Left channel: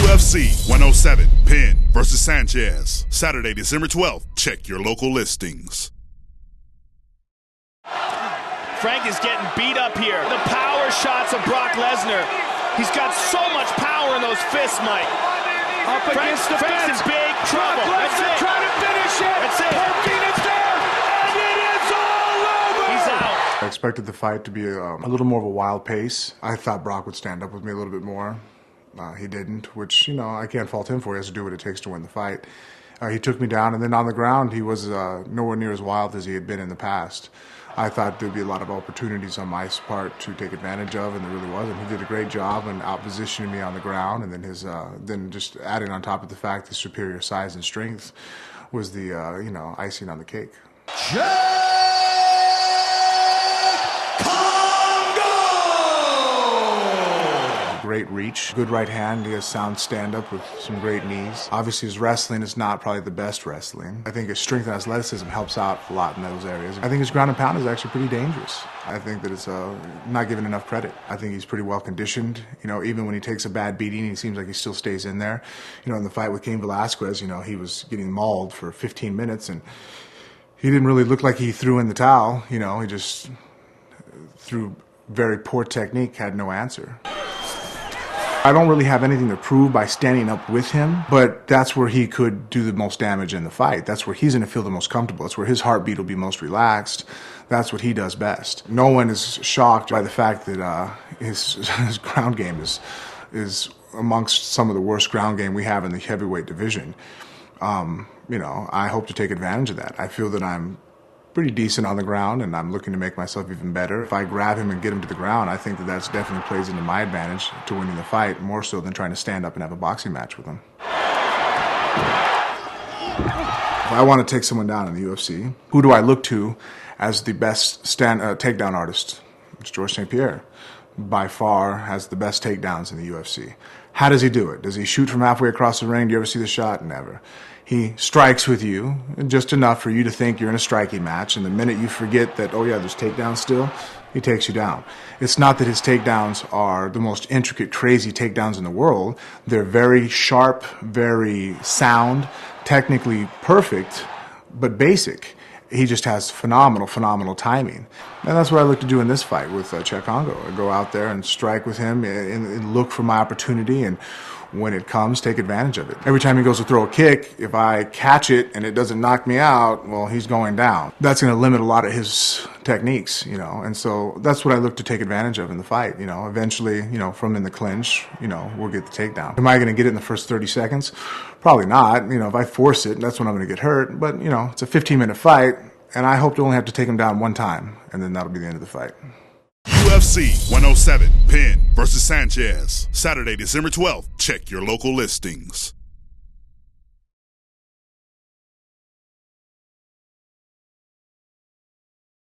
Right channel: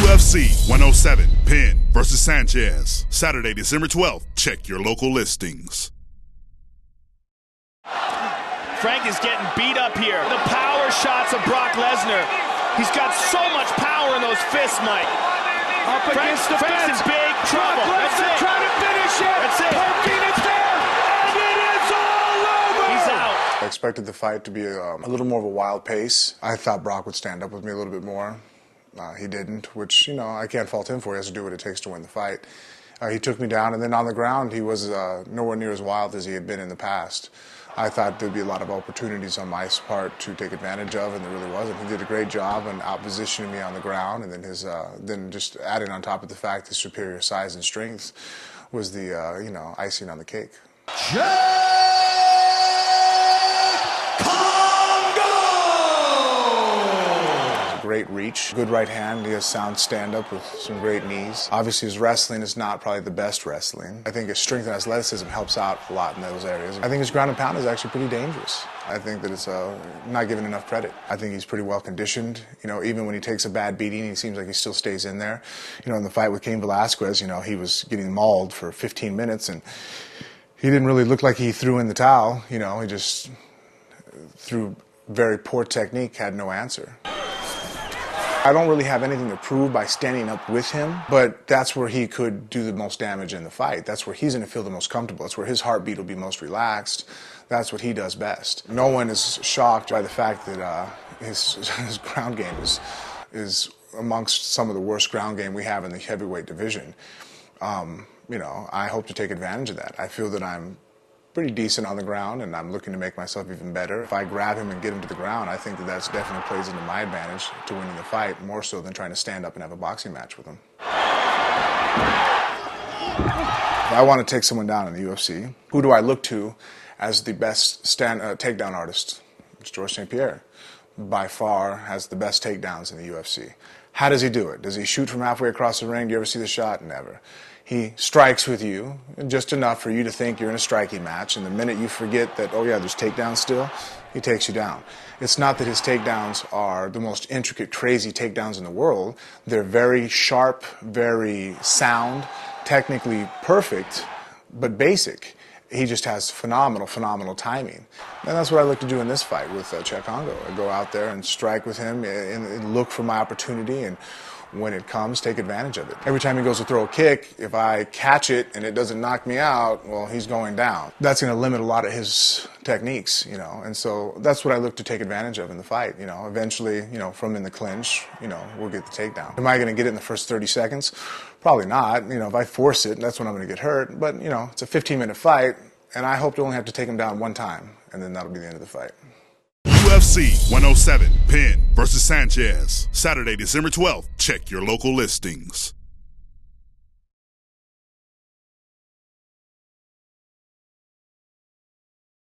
UFC 107, Penn versus Sanchez. Saturday, December 12th. Check your local listings. Frank is getting beat up here. The power shots of Brock Lesnar. He's got so much power in those fists, Mike. Up against the Frank's in big trouble. Brock Lesnar trying to finish it. That's it. Poking is there, and it is all over. He's out. I expected the fight to be a little more of a wild pace. I thought Brock would stand up with me a little bit more. He didn't, which, you know, I can't fault him for. He has to do what it takes to win the fight. He took me down, and then on the ground, he was nowhere near as wild as he had been in the past. I thought there'd be a lot of opportunities on my part to take advantage of, and there really wasn't. He did a great job in out-positioning me on the ground, and then then just adding on top of the fact his superior size and strength was the icing on the cake. Great reach, good right hand, he has sound stand-up with some great knees. Obviously his wrestling is not probably the best wrestling. I think his strength and athleticism helps out a lot in those areas. I think his ground and pound is actually pretty dangerous. I think that it's not given enough credit. I think he's pretty well conditioned. You know, even when he takes a bad beating, he seems like he still stays in there. You know, in the fight with Cain Velasquez, you know, he was getting mauled for 15 minutes and he didn't really look like he threw in the towel. You know, he just through very poor technique had no answer. I don't really have anything to prove by standing up with him, but that's where he could do the most damage in the fight. That's where he's going to feel the most comfortable. That's where his heartbeat will be most relaxed. That's what he does best. No one is shocked by the fact that his ground game is amongst some of the worst ground game we have in the heavyweight division. You know, I hope to take advantage of that. I feel that I'm pretty decent on the ground, and I'm looking to make myself even better. If I grab him and get him to the ground, I think that that's definitely plays into my advantage to winning the fight, more so than trying to stand up and have a boxing match with him. If I want to take someone down in the UFC, who do I look to as the best takedown artist? It's Georges St-Pierre. By far has the best takedowns in the UFC. How does he do it? Does he shoot from halfway across the ring? Do you ever see the shot? Never. He strikes with you just enough for you to think you're in a striking match, and the minute you forget that, oh yeah, there's takedowns still, he takes you down. It's not that his takedowns are the most intricate, crazy takedowns in the world. They're very sharp, very sound, technically perfect, but basic. He just has phenomenal timing. And that's what I look to do in this fight with Cheick Kongo. I go out there and strike with him and look for my opportunity, and when it comes, take advantage of it. Every time he goes to throw a kick, if I catch it and it doesn't knock me out, well, he's going down. That's going to limit a lot of his techniques, you know, and so that's what I look to take advantage of in the fight, you know. Eventually, you know, from in the clinch, you know, we'll get the takedown. Am I going to get it in the first 30 seconds? Probably not. You know, if I force it, that's when I'm going to get hurt. But, you know, it's a 15-minute fight, and I hope to only have to take him down one time, and then that'll be the end of the fight. UFC 107, Penn versus Sanchez. Saturday, December 12th. Check your local listings.